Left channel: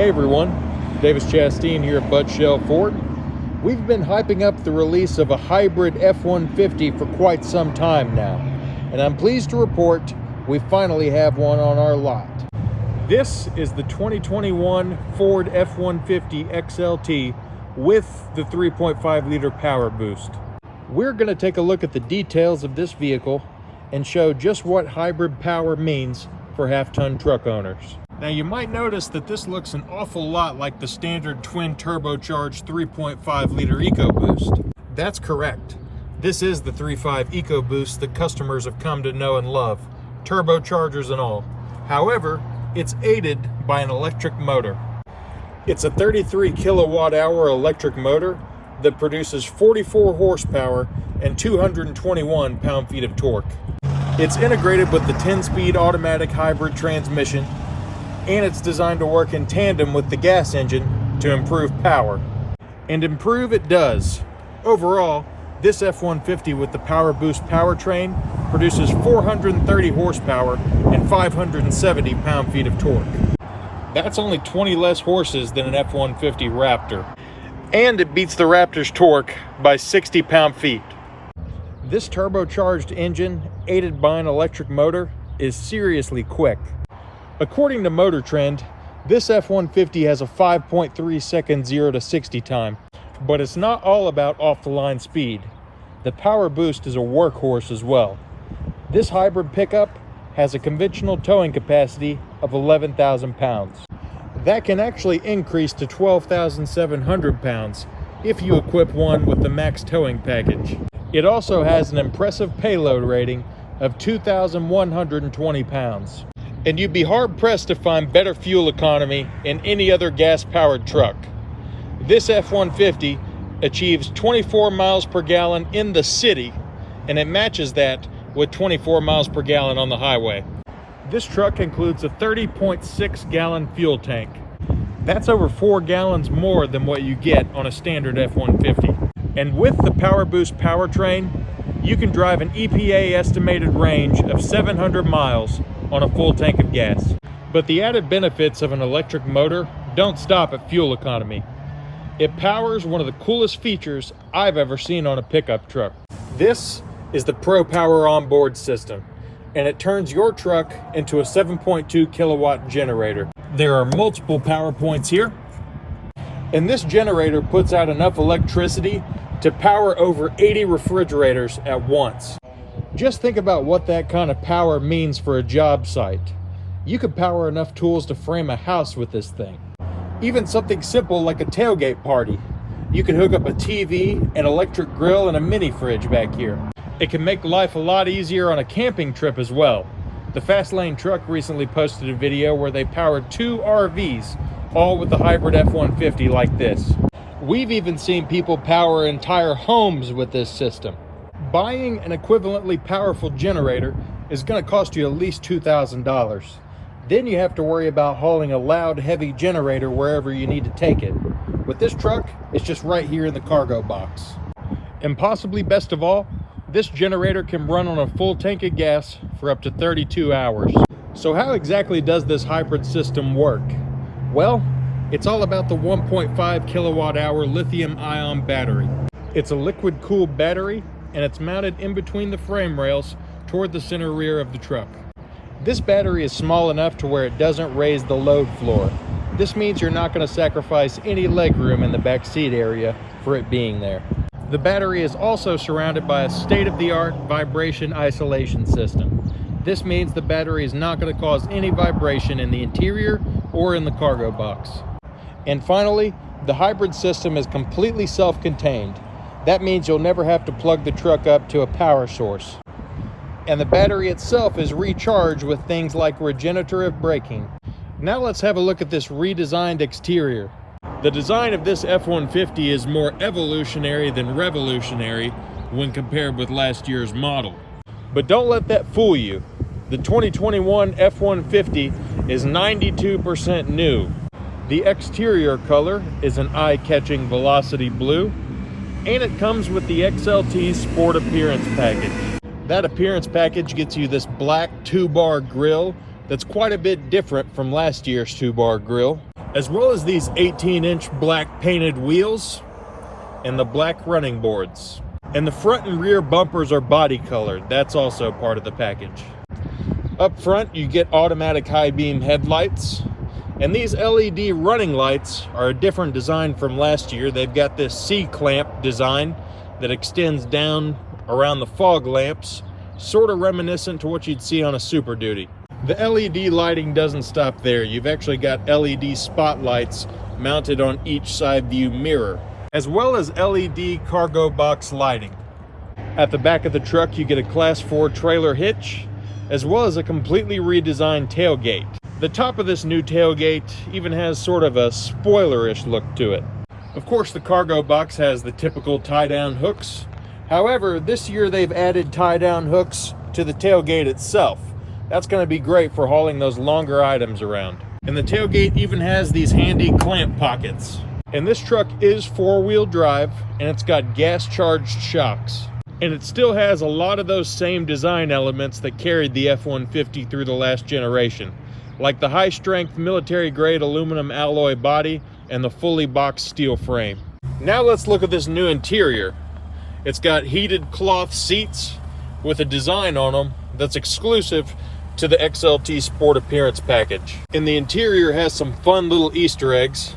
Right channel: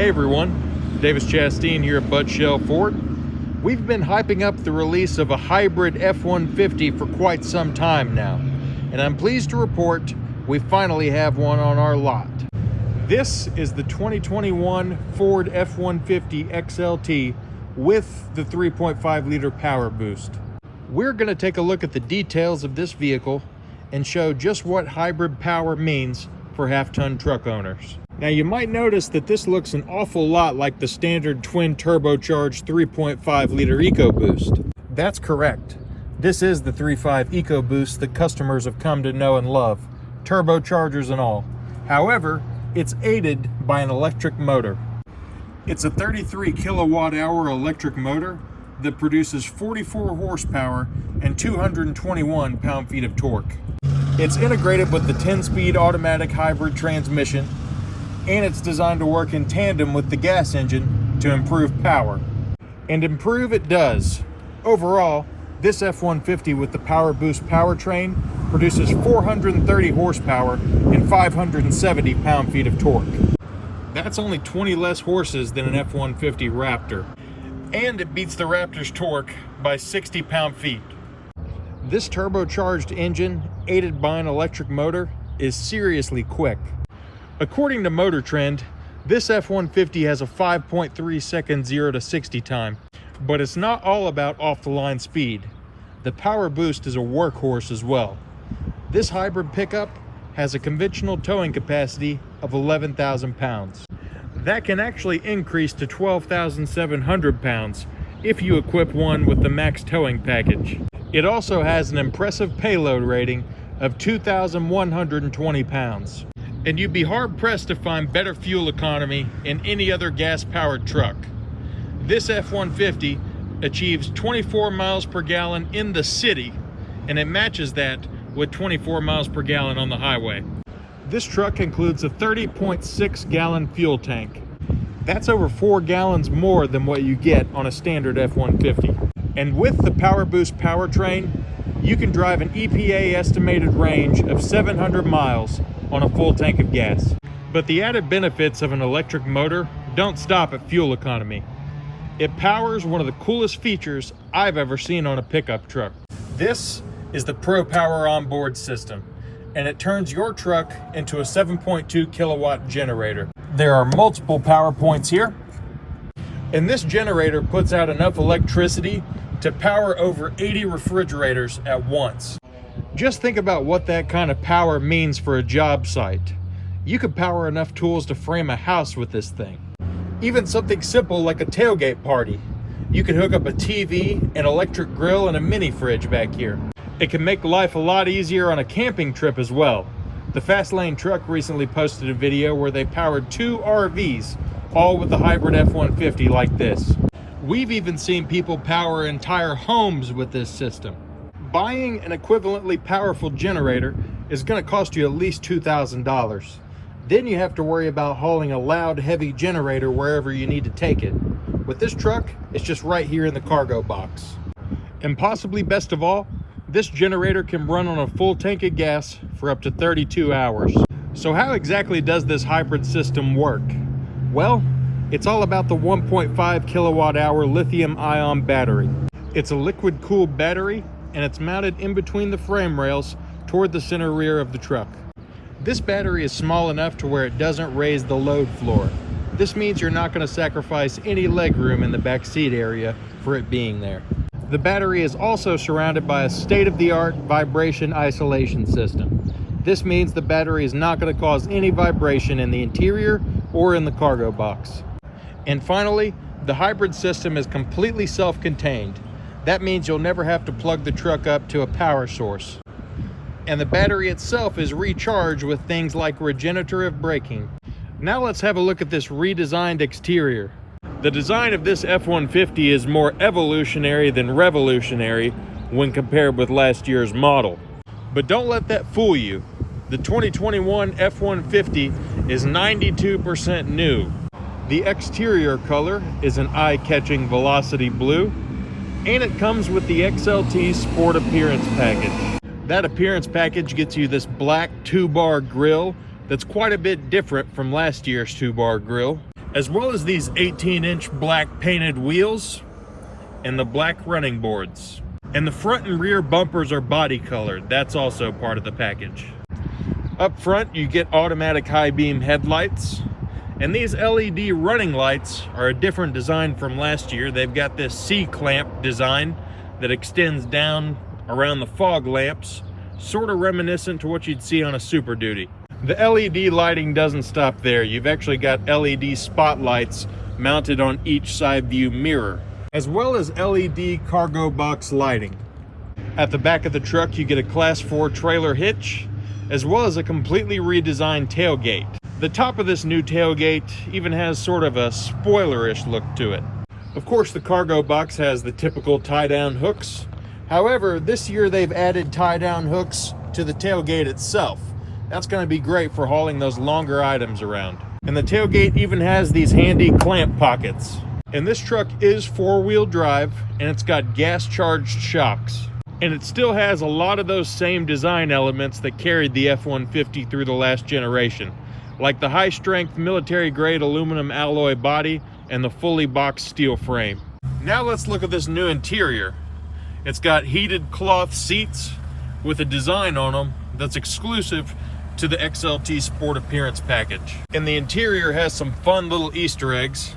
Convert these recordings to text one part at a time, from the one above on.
Hey everyone, Davis Chastain here at Bud Shell Ford. We've been hyping up the release of a hybrid F-150 for quite some time now, and I'm pleased to report we finally have one on our lot. This is the 2021 Ford F-150 XLT with the 3.5 liter power boost. We're going to take a look at the details of this vehicle and show just what hybrid power means for half-ton truck owners. Now you might notice that this looks an awful lot like the standard twin turbocharged 3.5 liter EcoBoost. That's correct. This is the 3.5 EcoBoost that customers have come to know and love, turbochargers and all. However, it's aided by an electric motor. It's a 33 kilowatt hour electric motor that produces 44 horsepower and 221 pound-feet of torque. It's integrated with the 10-speed automatic hybrid transmission, and it's designed to work in tandem with the gas engine to improve power. And improve it does. Overall, this F-150 with the Power Boost powertrain produces 430 horsepower and 570 pound-feet of torque. That's only 20 less horses than an F-150 Raptor. And it beats the Raptor's torque by 60 pound-feet. This turbocharged engine, aided by an electric motor, is seriously quick. According to Motor Trend, this F-150 has a 5.3 second 0 to 60 time, but it's not all about off-the-line speed. The Power Boost is a workhorse as well. This hybrid pickup has a conventional towing capacity of 11,000 pounds. That can actually increase to 12,700 pounds if you equip one with the max towing package. It also has an impressive payload rating of 2,120 pounds. And you'd be hard-pressed to find better fuel economy in any other gas-powered truck. This F-150 achieves 24 miles per gallon in the city, and it matches that with 24 miles per gallon on the highway. This truck includes a 30.6 gallon fuel tank. That's over 4 gallons more than what you get on a standard F-150. And with the Power Boost powertrain, you can drive an EPA estimated range of 700 miles on a full tank of gas. But the added benefits of an electric motor don't stop at fuel economy. It powers one of the coolest features I've ever seen on a pickup truck. This is the Pro Power onboard system, and it turns your truck into a 7.2 kilowatt generator. There are multiple power points here, and this generator puts out enough electricity to power over 80 refrigerators at once. Just think about what that kind of power means for a job site. You could power enough tools to frame a house with this thing. Even something simple like a tailgate party. You can hook up a TV, an electric grill, and a mini fridge back here. It can make life a lot easier on a camping trip as well. The Fast Lane Truck recently posted a video where they powered 2 RVs, all with the hybrid F-150 like this. We've even seen people power entire homes with this system. Buying an equivalently powerful generator is going to cost you at least $2,000. Then you have to worry about hauling a loud, heavy generator wherever you need to take it. With this truck, it's just right here in the cargo box. And possibly best of all, this generator can run on a full tank of gas for up to 32 hours. So how exactly does this hybrid system work? Well, it's all about the 1.5 kilowatt hour lithium ion battery. It's a liquid cooled battery, and it's mounted in between the frame rails toward the center rear of the truck. This battery is small enough to where it doesn't raise the load floor. This means you're not going to sacrifice any leg room in the back seat area for it being there. The battery is also surrounded by a state-of-the-art vibration isolation system. This means the battery is not going to cause any vibration in the interior or in the cargo box. And finally, the hybrid system is completely self-contained. That means you'll never have to plug the truck up to a power source. And the battery itself is recharged with things like regenerative braking. Now let's have a look at this redesigned exterior. The design of this F-150 is more evolutionary than revolutionary when compared with last year's model. But don't let that fool you. The 2021 F-150 is 92% new. The exterior color is an eye-catching Velocity blue, and it comes with the XLT Sport Appearance Package. That appearance package gets you this black 2-bar grille that's quite a bit different from last year's 2-bar grille. as well as these 18-inch black painted wheels and the black running boards. And the front and rear bumpers are body colored. That's also part of the package. Up front, you get automatic high beam headlights, and these LED running lights are a different design from last year. They've got this C-clamp design that extends down around the fog lamps, sort of reminiscent to what you'd see on a Super Duty. The LED lighting doesn't stop there. You've actually got LED spotlights mounted on each side view mirror, as well as LED cargo box lighting. At the back of the truck, you get a Class 4 trailer hitch, as well as a completely redesigned tailgate. The top of this new tailgate even has sort of a spoilerish look to it. Of course, the cargo box has the typical tie-down hooks. However, this year they've added tie-down hooks to the tailgate itself. That's going to be great for hauling those longer items around. And the tailgate even has these handy clamp pockets. And this truck is four-wheel drive, and it's got gas-charged shocks. And it still has a lot of those same design elements that carried the F-150 through the last generation, like the high-strength military-grade aluminum alloy body and the fully boxed steel frame. Now let's look at this new interior. It's got heated cloth seats with a design on them that's exclusive to the XLT Sport Appearance package. And the interior has some fun little Easter eggs,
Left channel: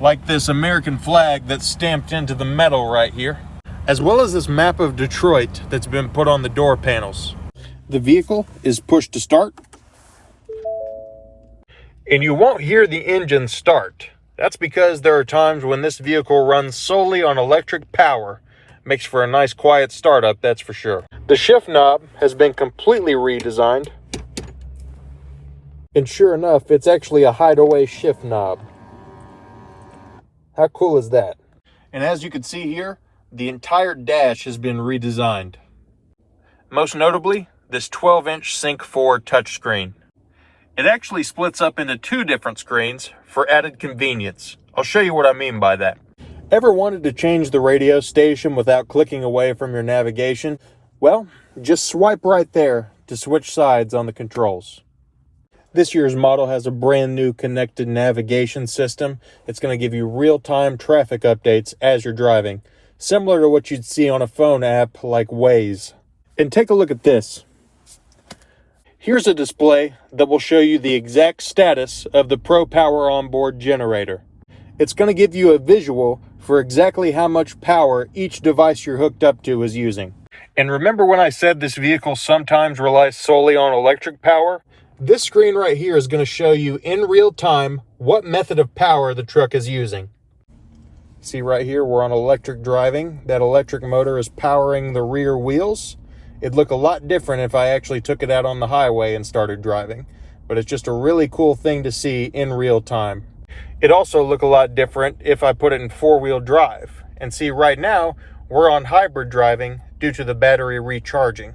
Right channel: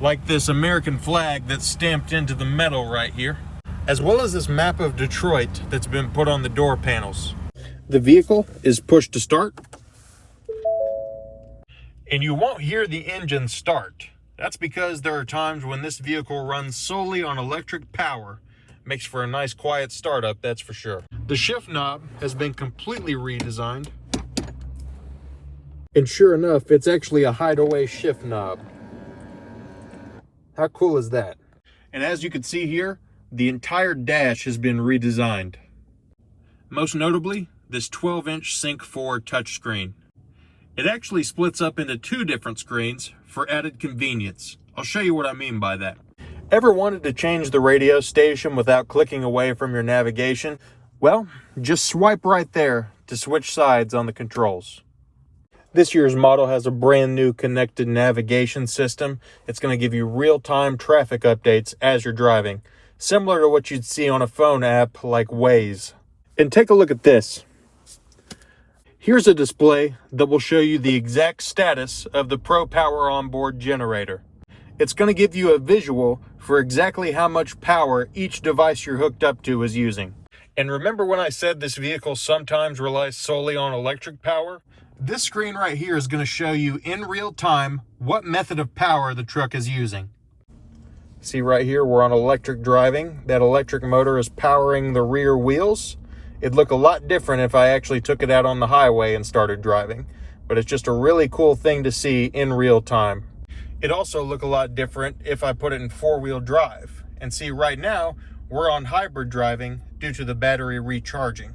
like this American flag that's stamped into the metal right here, as well as this map of Detroit that's been put on the door panels. The vehicle is push to start, and you won't hear the engine start. That's because there are times when this vehicle runs solely on electric power. Makes for a nice quiet startup, that's for sure. The shift knob has been completely redesigned, and sure enough, it's actually a hideaway shift knob. How cool is that? And as you can see here, the entire dash has been redesigned. Most notably, this 12-inch Sync 4 touchscreen. It actually splits up into two different screens for added convenience. I'll show you what I mean by that. Ever wanted to change the radio station without clicking away from your navigation? Well, just swipe right there to switch sides on the controls. This year's model has a brand new connected navigation system. It's going to give you real-time traffic updates as you're driving, similar to what you'd see on a phone app like Waze. And take a look at this. Here's a display that will show you the exact status of the ProPower onboard generator. It's going to give you a visual for exactly how much power each device you're hooked up to is using. And remember when I said this vehicle sometimes relies solely on electric power? This screen right here is going to show you in real time what method of power the truck is using. See right here, we're on electric driving. That electric motor is powering the rear wheels. It'd look a lot different if I actually took it out on the highway and started driving, but it's just a really cool thing to see in real time. It'd also look a lot different if I put it in four-wheel drive. And see, right now, we're on hybrid driving due to the battery recharging.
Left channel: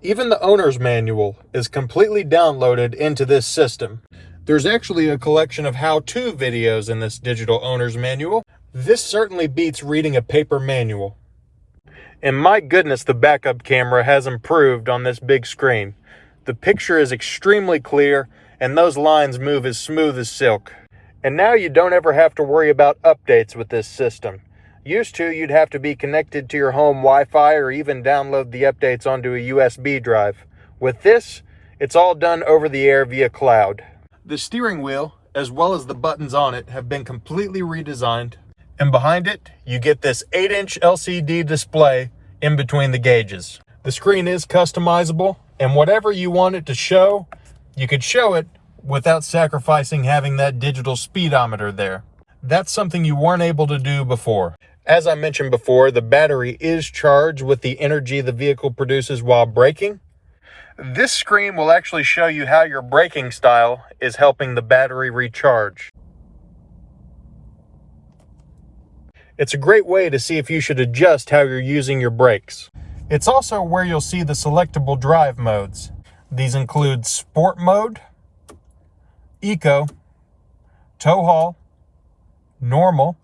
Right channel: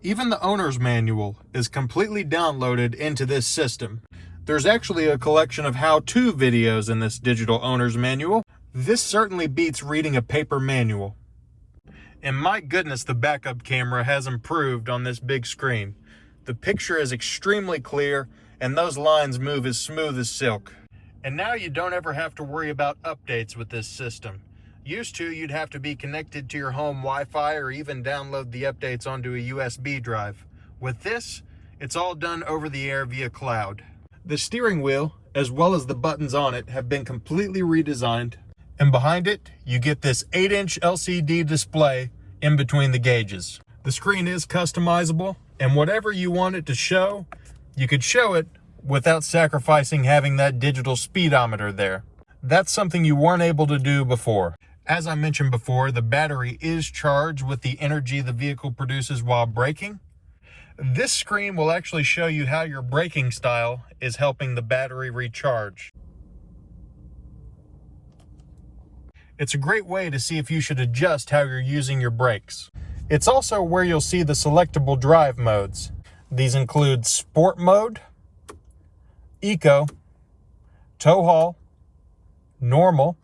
Even the owner's manual is completely downloaded into this system. There's actually a collection of how-to videos in this digital owner's manual. This certainly beats reading a paper manual. And my goodness, the backup camera has improved on this big screen. The picture is extremely clear, and those lines move as smooth as silk. And now you don't ever have to worry about updates with this system. Used to, you'd have to be connected to your home Wi-Fi or even download the updates onto a USB drive. With this, it's all done over the air via cloud. The steering wheel, as well as the buttons on it, have been completely redesigned. And behind it, you get this 8-inch LCD display in between the gauges. The screen is customizable, and whatever you want it to show, you could show it without sacrificing having that digital speedometer there. That's something you weren't able to do before. As I mentioned before, the battery is charged with the energy the vehicle produces while braking. This screen will actually show you how your braking style is helping the battery recharge. It's a great way to see if you should adjust how you're using your brakes. It's also where you'll see the selectable drive modes. These include Sport Mode, Eco, Tow Haul, Normal,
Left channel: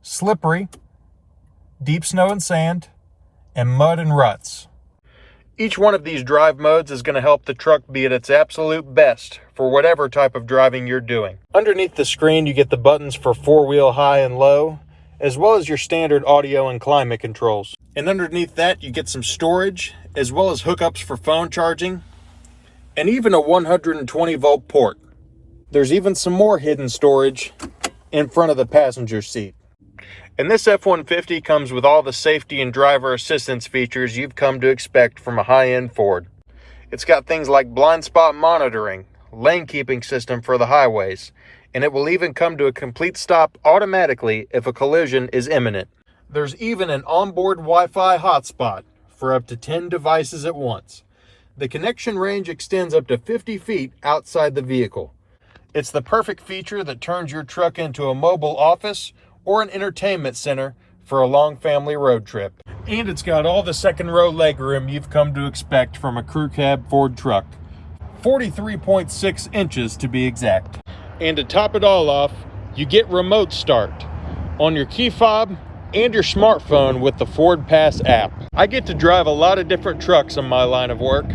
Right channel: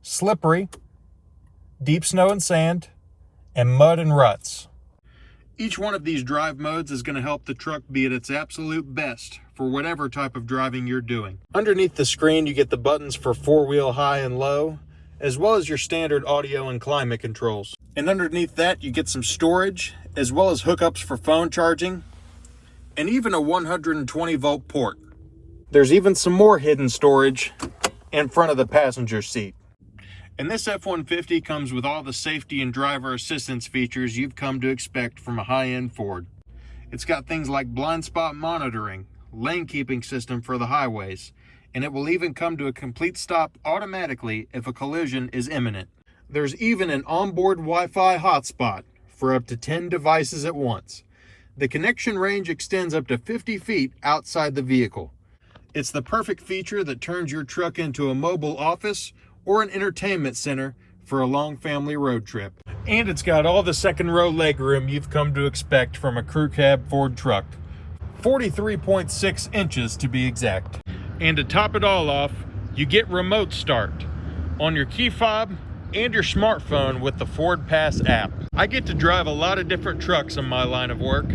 Slippery, Deep Snow and Sand, and Mud and Ruts. Each one of these drive modes is going to help the truck be at its absolute best for whatever type of driving you're doing. Underneath the screen, you get the buttons for 4-wheel high and low, as well as your standard audio and climate controls. And underneath that, you get some storage, as well as hookups for phone charging, and even a 120 volt port. There's even some more hidden storage in front of the passenger seat. And this F-150 comes with all the safety and driver assistance features you've come to expect from a high-end Ford. It's got things like blind spot monitoring, lane keeping system for the highways, and it will even come to a complete stop automatically if a collision is imminent. There's even an onboard Wi-Fi hotspot for up to 10 devices at once. The connection range extends up to 50 feet outside the vehicle. It's the perfect feature that turns your truck into a mobile office or an entertainment center for a long family road trip. And it's got all the second row legroom you've come to expect from a crew cab Ford truck. 43.6 inches to be exact. And to top it all off, you get remote start on your key fob and your smartphone with the Ford Pass app. I get to drive a lot of different trucks in my line of work,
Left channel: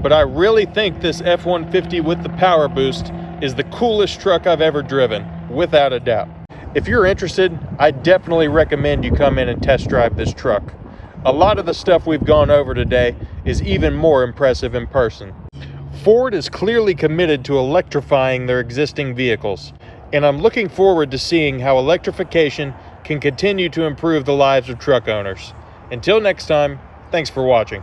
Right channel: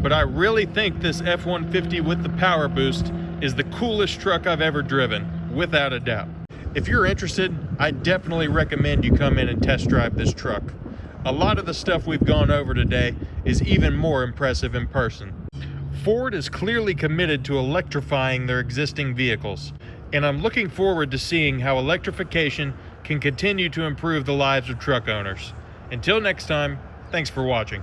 but I really think this F-150 with the Power Boost is the coolest truck I've ever driven, without a doubt. If you're interested, I definitely recommend you come in and test drive this truck. A lot of the stuff we've gone over today is even more impressive in person. Ford is clearly committed to electrifying their existing vehicles, and I'm looking forward to seeing how electrification can continue to improve the lives of truck owners. Until next time, thanks for watching.